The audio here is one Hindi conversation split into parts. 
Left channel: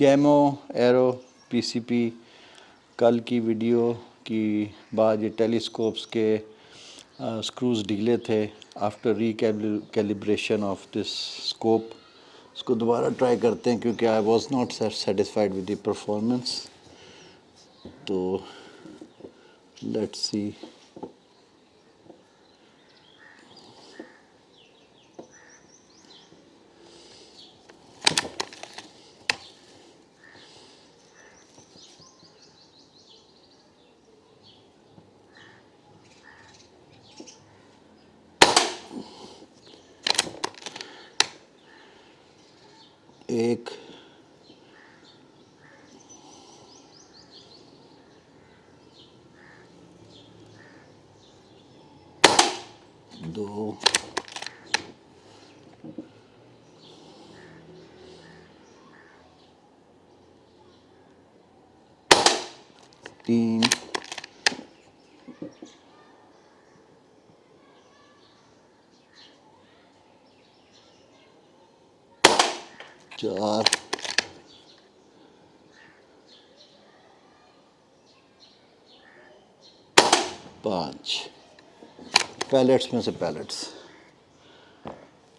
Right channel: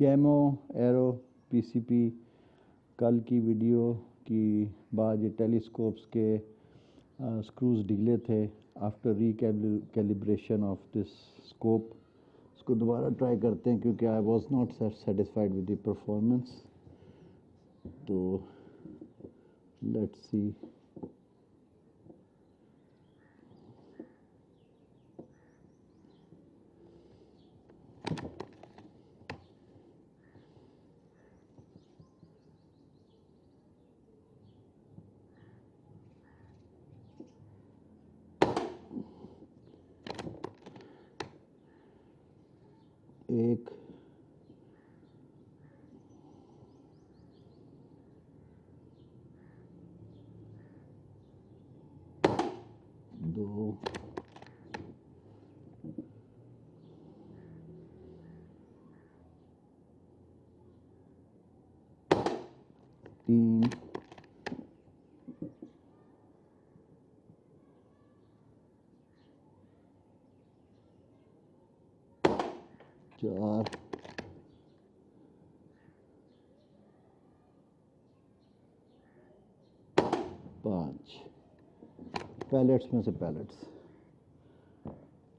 कैमो एरो पीसीपी कल की वीडियो की बाद ये टेलीस्कोप्स के स्क्रूज ढीले थे। After calibration of this scope इसको दोबारा ट्राई करते हैं क्योंकि I was not satisfied with the performance. तो लेट्स सी। एक दो तीन चार पाँच पैलेट्स में से पैलेट्स।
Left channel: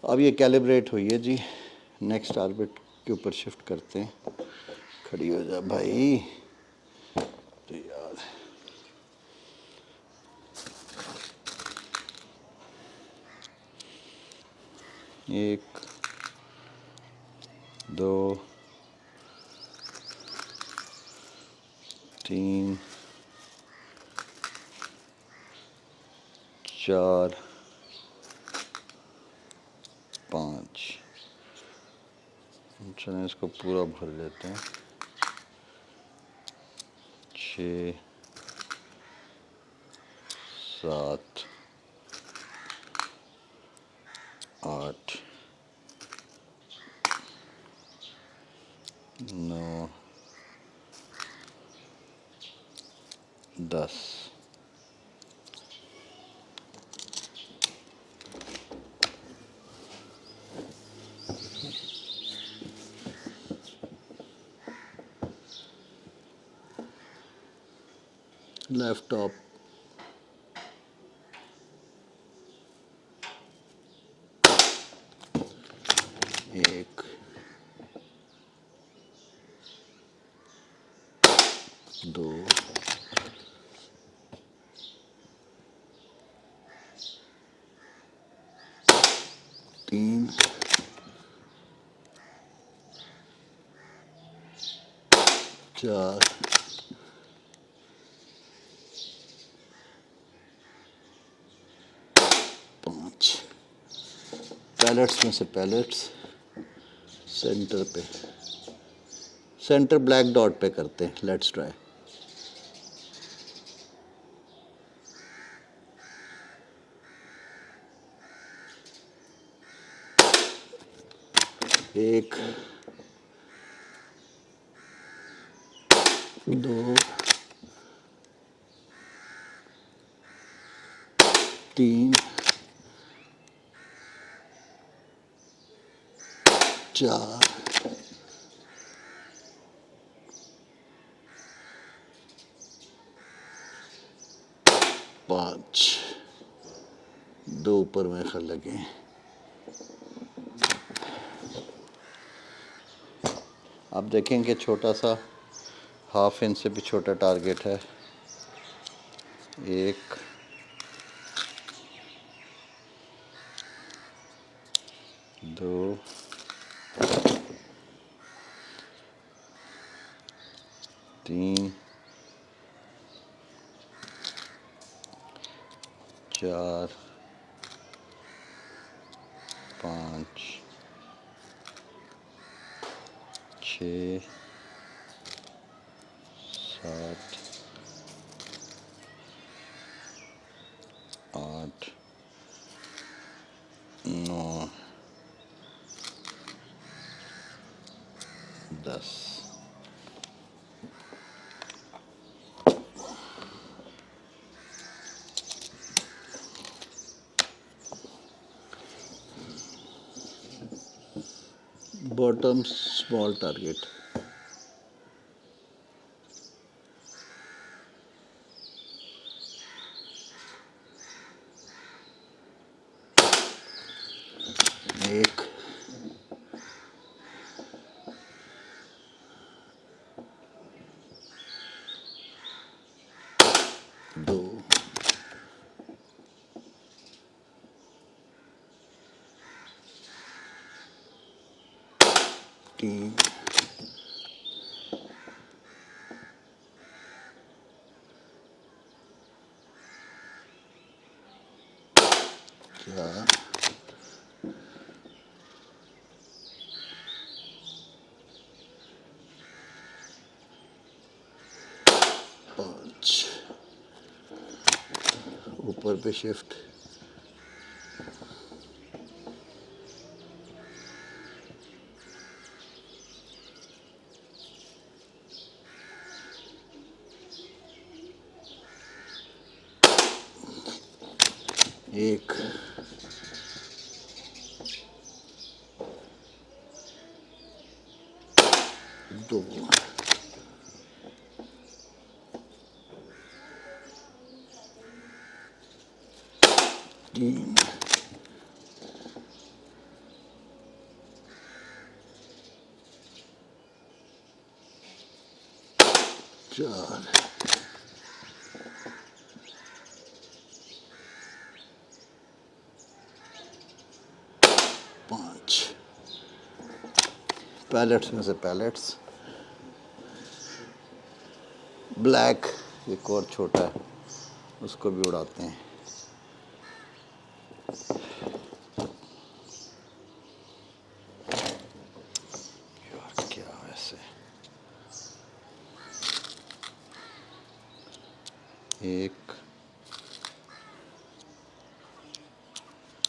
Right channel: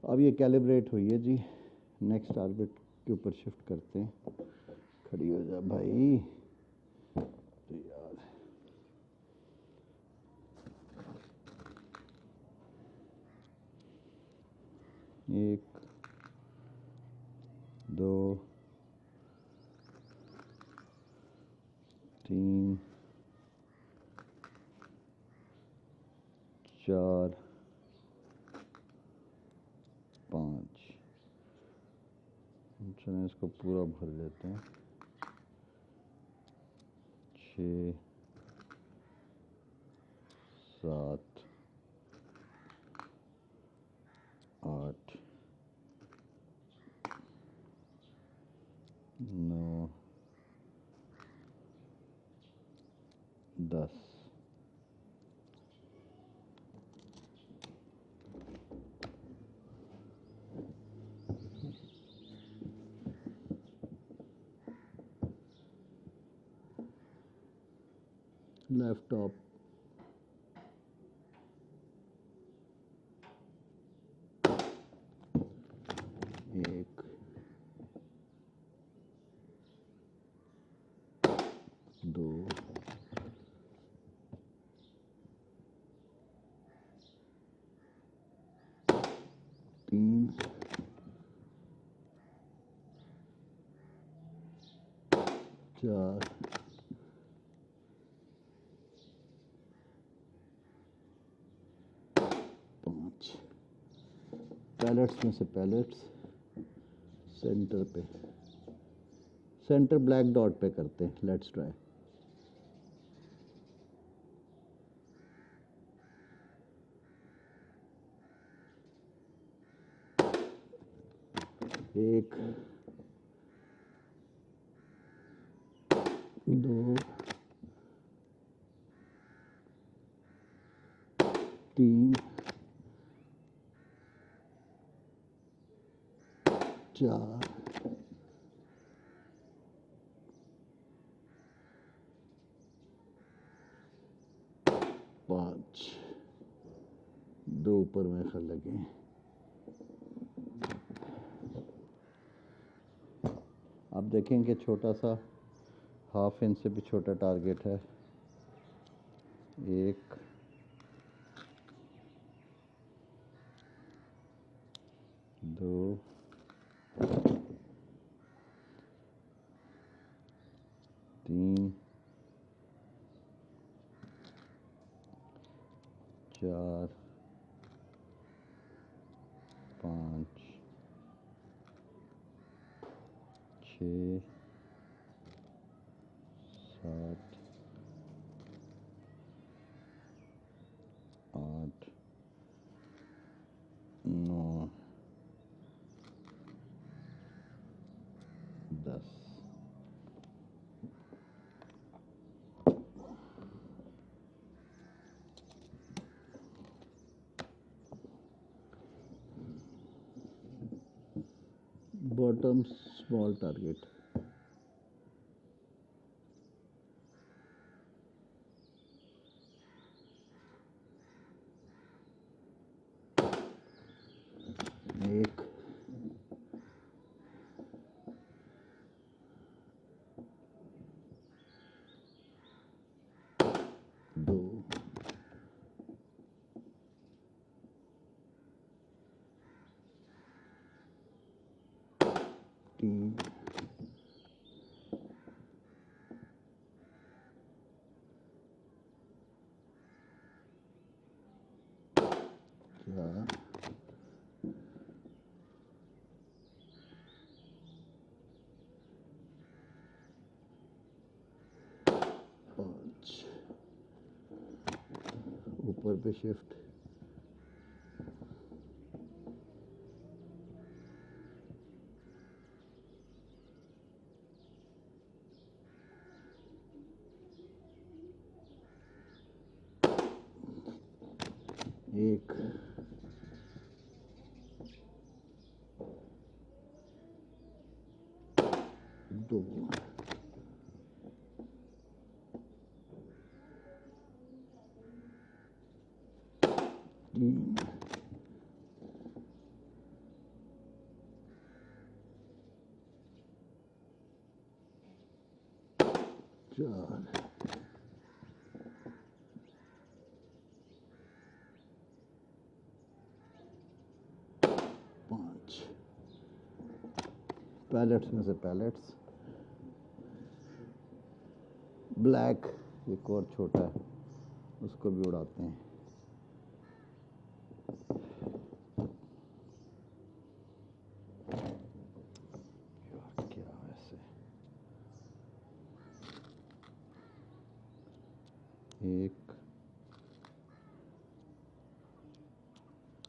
अब ये कैलिब्रेट हुई है जी। नेक्स्ट ऑर्बिट के ऊपर शिफ्ट करते हैं। खड़ी हो जा भाई। तो यार एक दो तीन चार पाँच। चलें इसको पूरा भर लेते हैं। छः सात आठ नौ 10। लेफ्ट टॉप एक दो तीन चार पाँच। पैलेट्स में से पैलेट्स सेंटर पे, सेंटर ब्लैक डॉट पे करते हैं। Let's try. एक दो तीन चार पाँच। दो ऊपर में खल लगे। आप देखें कि छोटा सा हाफ इंच से भी छोटा टारगेट है। एक दो तीन चार पाँच छः सात आठ नौ 10। बॉटम स्मॉल टारगेट एक, दो, तीन, चार, पाँच, ऊपर पे शिफ्ट, एक, दो, तीन, चार, पाँच। पैलेट्स में से पैलेट्स, ब्लैक एक और छोटा है, उसको भी उड़ाते हैं। यार क्या वैसे, एक,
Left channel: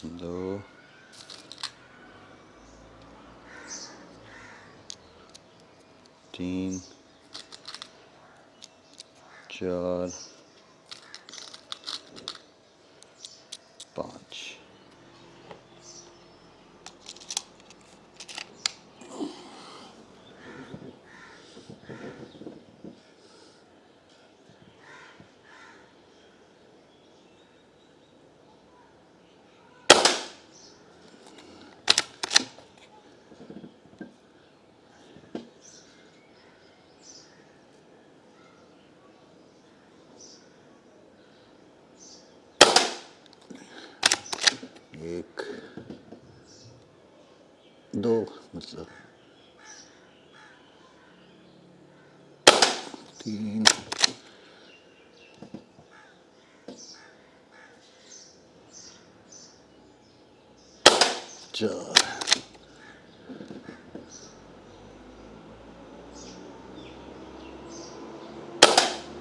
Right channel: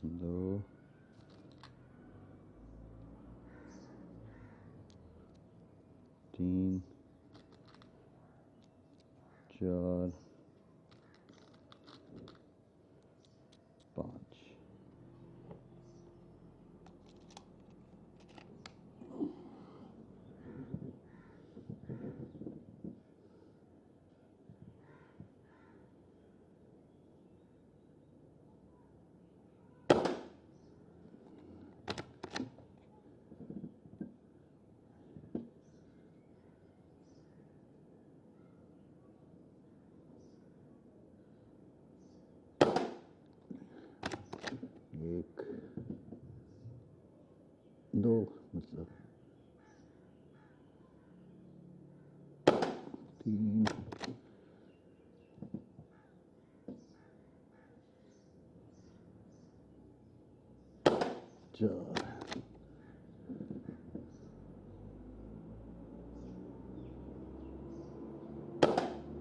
दो, तीन, चार, पाँच। एक, दो मतलब, तीन, चार,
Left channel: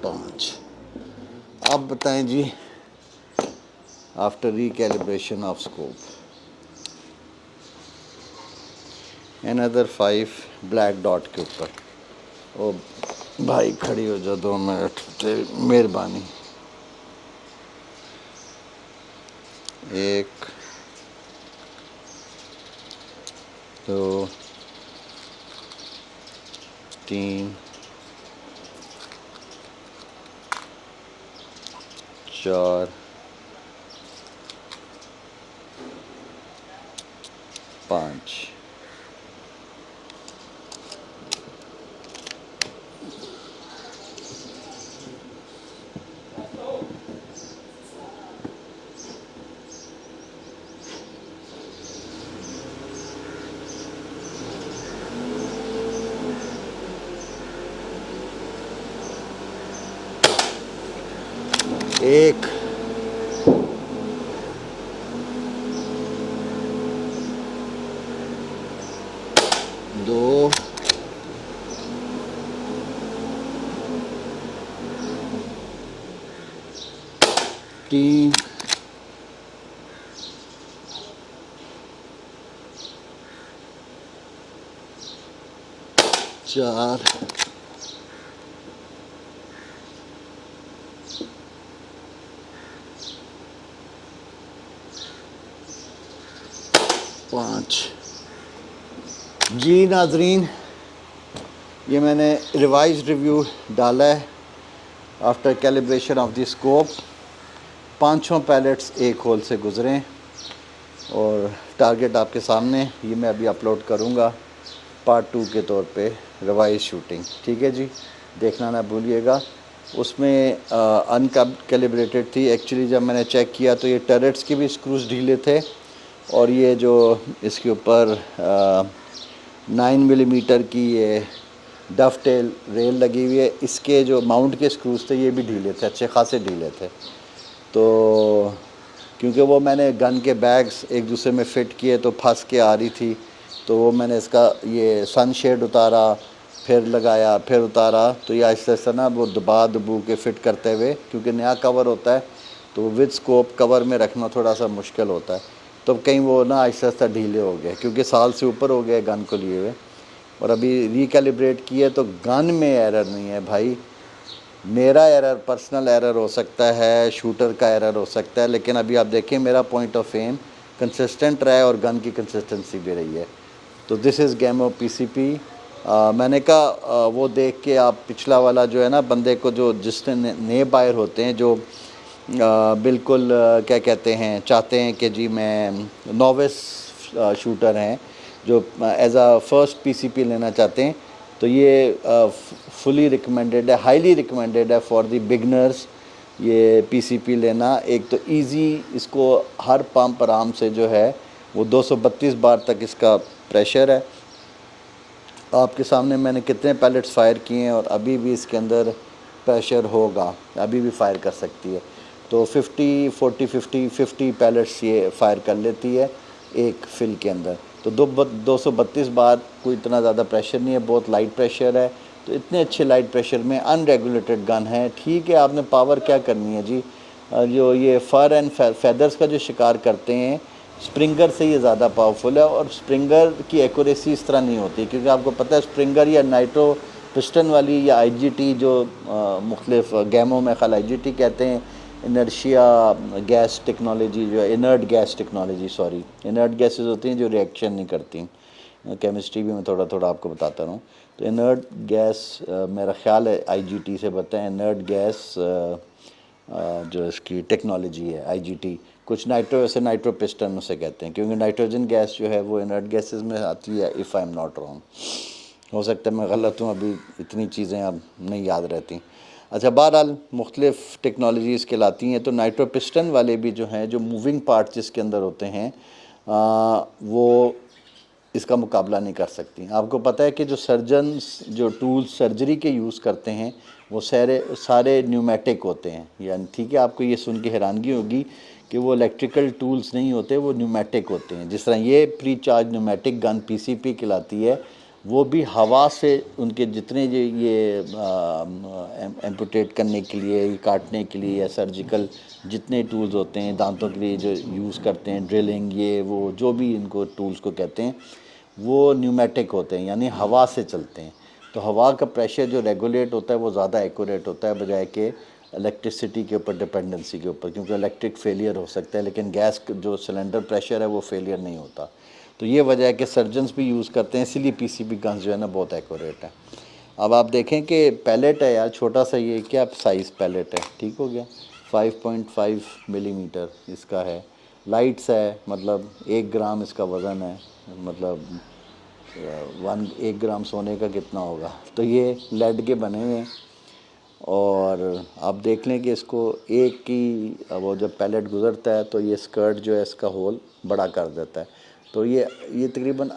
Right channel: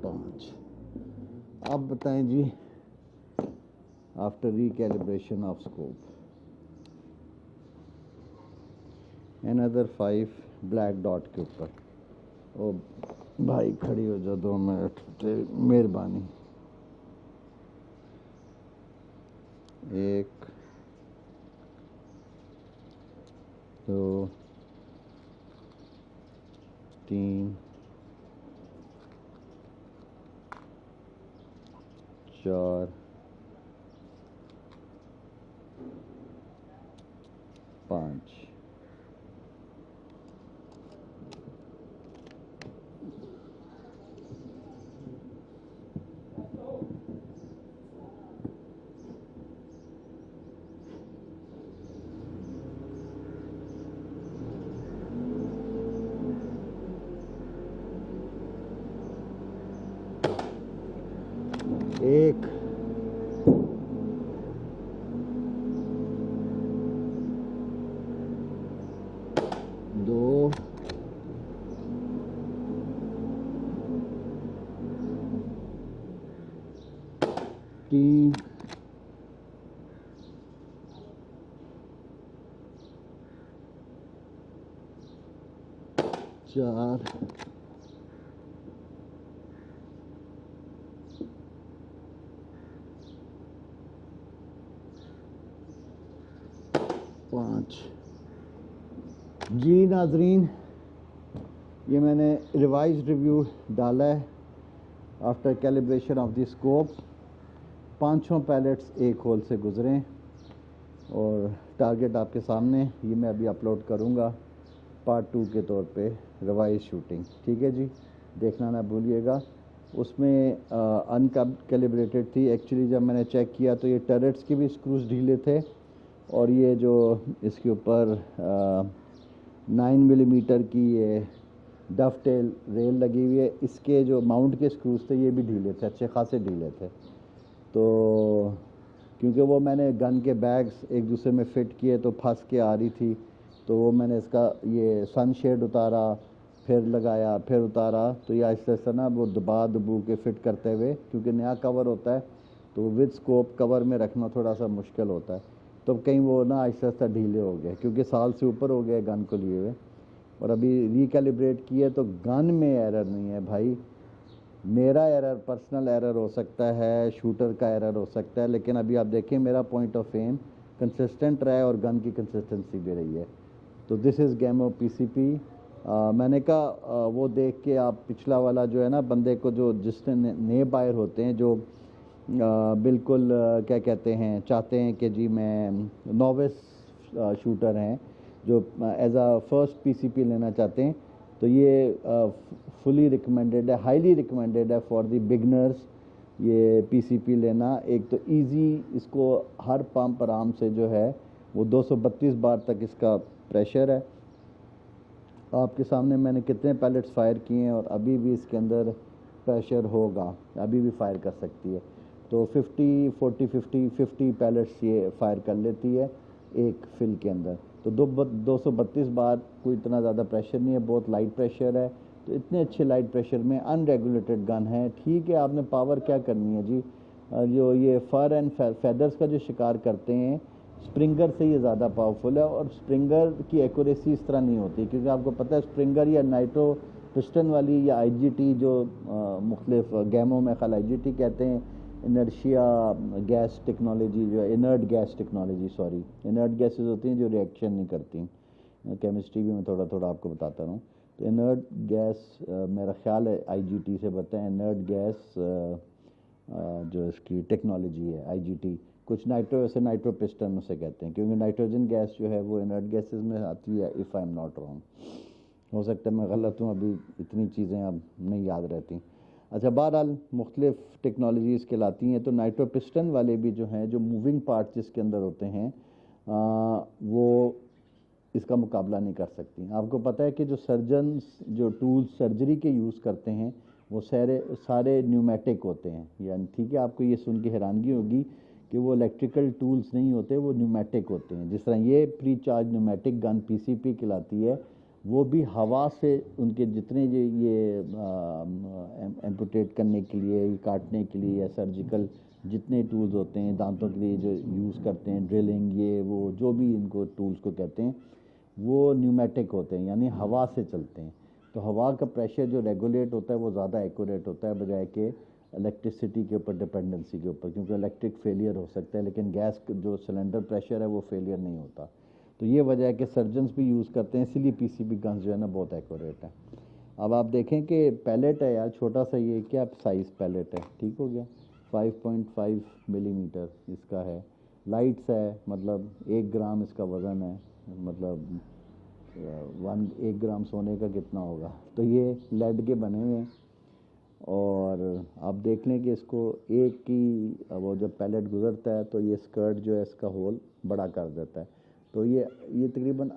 पाँच। अब बताएं जी, after recalibration of scope, another 5 black dot के ऊपर। ओ भाई खड़ी हो जा 2 मिनट, तेरी मेहरबानी। एक, दो, तीन, चार, पाँच। एक, दो, तीन, चार, पाँच। जी नाजरीन, ये मैंने रिवाइज रिव्यू डाला है after calibration of the scope. 5 pellets एक होल से गुजरे और टारगेट आपके सामने, ये मैं अभी अपलोड करूँगा पार्ट 2 के तौर पे रिवाइज शूटिंग। ठीक है जी, देखना ना भूलिएगा। उसमें अनकैलिब्रेटेड थी एक्चुअली। जब मैंने चेक किया तो ये टर्रेट्स के भी स्क्रूज ढीले थे, और ये जो इसके ऊपर 9 मिलीमीटर की ये डफ टेल रेल लगी हुई है, इसके जो माउंट के स्क्रूज थे ये भी ढीले थे, अच्छे खासे ढीले थे। तो क्योंकि वो मैंने गन के बैग्स एक दूसरे में फ़िट किए तो फंस के आ रही थी, तो वो मैंने इसका ये सनशेड उतारा, फिर लगाया, फिर उतारा, तो ये आहिस्ता आहिस्ता ना वो दबा दबू के फ़िट करते हुए, क्योंकि नया कवर होता है तो विद स्कोप कवर में रखना थोड़ा सा मुश्किल होता है, तो कहीं वो ना आहिस्ता आहिस्ता ढीले हो गए, क्योंकि साल से ऊपर हो गए गन को लिए हुए। और अभी रिकैलिब्रेट किए तो गन में एरर नहीं है भाई, मेरा एरर पर्सनल एरर हो सकता है, शूटर का एरर हो सकता है, लेकिन अभी आप देखें मेरा पॉइंट ऑफ एम कंसिस्टेंट रहा है और गन की कंसिस्टेंसी भी रही है। तो this is game of PCP. मैंने कहा वो देख के आप पिछला वाला जो है ना बंदे को, जो जिसने नए बायर होते हैं, जो बिल्कुल क्या कहते हैं, चाहते हैं कि जी मैं नोविस शूटर हैं, जो एज आ फर्स्ट पीसीपी लेना चाहते हैं, तो ये फुली रिकमेंडेड है, हाईली रिकमेंडेड है फॉर द बिगनर्स ये पीसीपी लेना। एक तो इजी, इसको हर पंप आराम से जो है वो 232 बार तक इसका प्रेशर है। आपके सामने मैंने कितने पैलेट्स फायर किए हैं, और अभी भी इसके अंदर प्रेशर होगा, अभी भी फायर कर सकती है। तो 50 पैलेट्स ये फायर कर लेती है एक फिल के अंदर। तो 232 बार कोई इतना ज़्यादा प्रेशर नहीं है, बहुत लाइट प्रेशर है। तो इतने अच्छे लाइट प्रेशर में अनरेगुलेटेड गन है। ठीक है, आपने पावर क्या करनी है जी, जो ये फर एंड फेदर्स का जो शिकार करते हैं, स्प्रिंगर से ये ज़्यादा पावरफुल है। और स्प्रिंगर की एक्यूरेसी इस तरह नहीं होती, क्योंकि आपको पता है स्प्रिंगर या नाइट्रो पिस्टन वाली या आईजीटी, जो मुख्तलिफ गेमों में ख़ाली आईजीटी कहते हैं, इनर्शिया गैस टेक्नोलॉजी, जो inert gas technology, sorry, inert gases होती हैं जो रिएक्शन नहीं करती। केमिस्ट्री भी मैं थोड़ा थोड़ा आपको बताता रहूँ। तो इनर्ट गैस मेरा ख्याल है आईजीटी से बताएं, इनर्ट गैस जो इसकी टेक्नोलॉजी है आईजीटी। कुछ नाइट्रो, ऐसे नाइट्रो पिस्टन उसे कहते हैं, क्योंकि नाइट्रोजन गैस जो है वो इनर्ट गैसेस में आती है, if I am not wrong. हो सकता है मैं गलत हूँ, अभी इतनी चीज़ें अब नहीं याद रहती। अच्छा, बहरहाल मुख्तलिफ़ टेक्नोलॉजीज़ के लाती हैं। तो नाइट्रो पिस्टन वाले भी जो हैं, जो मूविंग पार्ट जिसके अंदर होते हैं, वो इसका मुकाबला नहीं कर सकती। आपको पता है कि जो सर्जन्स जो टूल्स सर्जरी के यूज़ करते हैं वो सारे न्यूमेटिक होते हैं, यानी ठीक है, आपको ये सुन के हैरानगी होगी कि वो इलेक्ट्रिकल टूल्स नहीं होते, वो न्यूमेटिक होते हैं। जिस तरह ये pre charge pneumatic gun PCP कहलाती है, वो भी हवा से उनके जितने ये एम्पुटेट करने के लिए, काटने के लिए, या सर्जिकल जितने टूल्स होते हैं दांतों के लिए जो यूज़ करते हैं, ड्रिलिंग, ये वो जो भी इनको टूल्स को कहते हैं, वो न्यूमेटिक होते हैं, यानी हवा से चलते हैं। तो हवा का प्रेशर जो रेगुलेट होता है वो ज़्यादा एक्यूरेट होता है बजाय के इलेक्ट्रिसिटी के ऊपर डिपेंडेंसी के ऊपर, क्योंकि इलेक्ट्रिक फेलियर हो सकता है, लेकिन गैस जो सिलेंडर प्रेशर है वो फेलियर नहीं होता। तो ये वजह है कि सर्जन्स भी यूज़ करते हैं, इसीलिए पीसीबी गन्स जो है ना बहुत एक्यूरेट है। अब आप देखें कि पैलेट है यार, छोटा सा, ये क्या साइज़ पैलेट है, ठीक हो गया, 5.5 मिलीमीटर इसका है। लाइट्स है, मतलब 1 ग्राम इसका वज़न है, मतलब 1 ग्राम सोने का कितना होगा। तो ये लेड के बने हुए हैं, और आप देख लें कि इसको एक की वो जब पैलेट गुज़रता है तो ये स्कर्ट जो है इसका होल बड़ा कर देता है। तो ये तकरीबन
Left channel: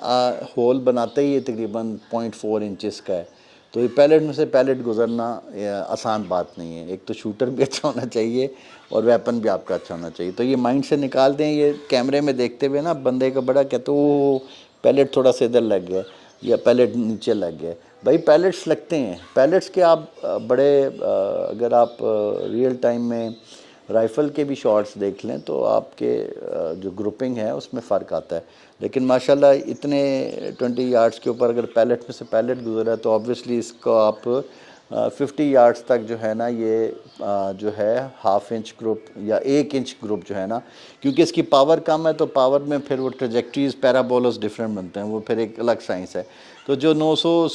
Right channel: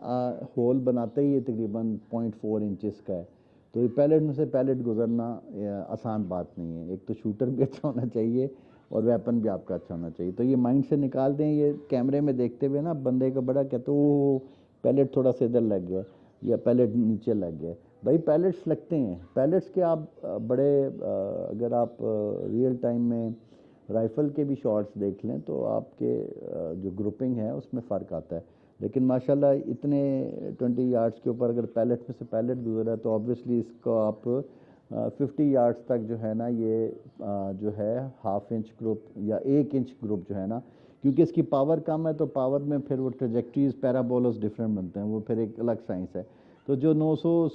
होल बनाते ही ये तकरीबन 0.4 इंचेस का है। तो ये पैलेट में से पैलेट गुज़रना आसान बात नहीं है। एक तो शूटर भी अच्छा होना चाहिए और वेपन भी आपका अच्छा होना चाहिए। तो ये माइंड से निकाल दें, ये कैमरे में देखते हुए ना बंदे का बड़ा कहते वो पैलेट थोड़ा सा इधर लग गया या पैलेट नीचे लग गया। भाई पैलेट्स लगते हैं, पैलेट्स के आप बड़े अगर आप रियल टाइम में राइफ़ल के भी शॉट्स देख लें तो आपके जो ग्रुपिंग है उसमें फ़र्क आता है। लेकिन माशाल्लाह इतने 20 यार्ड्स के ऊपर अगर पैलेट में से पैलेट गुजरा है तो ऑब्वियसली इसको आप 50 यार्ड्स तक जो है ना, ये जो है ½ इंच ग्रुप या 1 इंच ग्रुप जो है ना, क्योंकि इसकी पावर कम है तो पावर में फिर वो ट्रेजेक्ट्रीज पैराबोलस डिफरेंट बनते हैं, वो फिर एक अलग साइंस है। तो जो 900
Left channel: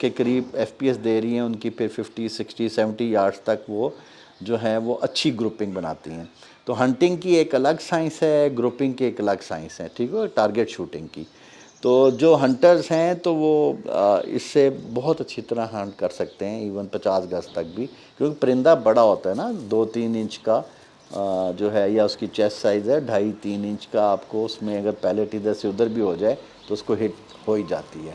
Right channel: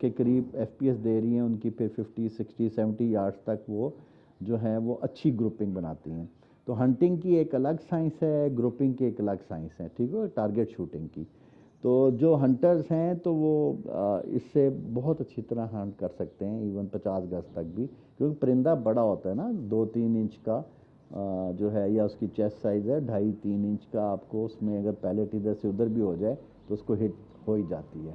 के करीब FPS दे रही हैं उनकी फिर 50, 60, 70 यार्ड्स तक वो जो हैं वो अच्छी ग्रुपिंग बनाती हैं। तो हंटिंग की एक अलग साइंस है, ग्रुपिंग की एक अलग साइंस है, ठीक है, टारगेट शूटिंग की। तो जो हंटर्स हैं तो वो इससे बहुत अच्छी तरह हंट कर सकते हैं, इवन 50 गज तक भी, क्योंकि परिंदा बड़ा होता है ना, 2-3 इंच का जो है, या उसकी चेस्ट साइज़ है 2.5-3 इंच का। आपको उसमें अगर पैलेट इधर से उधर भी हो जाए तो उसको हिट हो ही जाती है।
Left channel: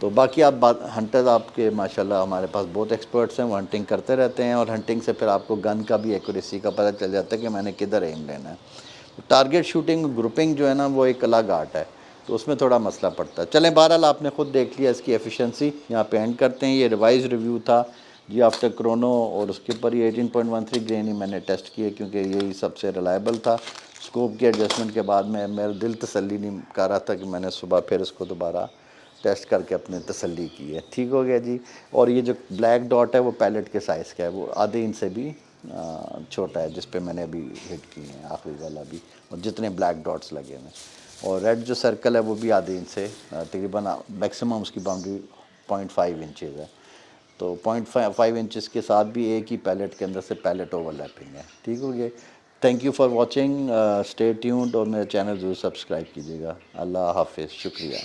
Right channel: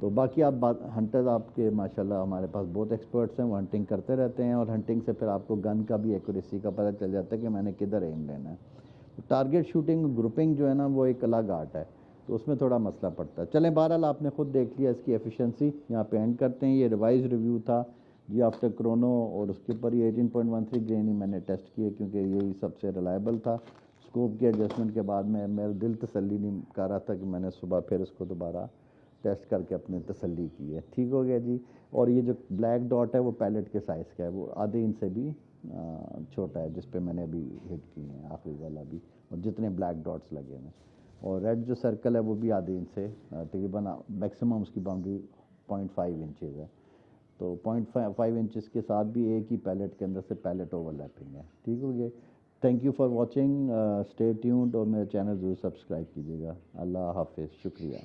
तो बाकी आप बात हंटर्स आपके माशाल्लाह हमारे पास बहुत एक्सपर्ट्स हैं, वो हंटिंग करते रहते हैं, और हंटिंग से फिर आपको गन का भी एक्यूरेसी का पता चल जाता है कि मैंने किधर एम लेना है। तो टारगेट शूटिंग ग्रुपिंग जो है ना वो एक अलग आर्ट है, तो उसमें थोड़ा मसला पड़ता है। चलें, बहरहाल आपने ख़ुद देख लिया इसकी एफिशिएंसी। यहाँ पे एंड करते हैं। ये रिवाइज रिव्यू था जी आफ्टर क्रोनो, और उसके ऊपर ही 18.13 ग्रेन ही मैंने टेस्ट किए, क्योंकि यही सबसे रिलायबल था। स्कोप के एडजस्टमेंट के बाद में मेरा दिल तसल्ली नहीं कर रहा था कि मैंने सुबह फिर इसको दोबारा टेस्ट करके अपने तसल्ली की है। ठीक हो गया जी। और ये जो ब्लैक डॉट है वो पैलेट के साइज़ का है, वो आधे इंच से भी छोटा है, जिस पे मैंने अभी हिट की है आखिरी वाला भी, और जितने ब्लैक डॉट्स लगे हैं। और रेड जो सर्कल है वो भी आधे इंच से, तकरीबन मैक्सिमम उसकी बाउंड्री 0.5 इंचज़ है। तो 0.5 इंचज़ के साथ भी एक ही पैलेट के अंदर से पैलेट ओवरलैपिंग है। ठीक हो गया। Thank you for watching, stay tuned, और मेरे चैनल ज़रूर सब्सक्राइब कीजिएगा। अल्लाह हाफिज़, शुक्रिया।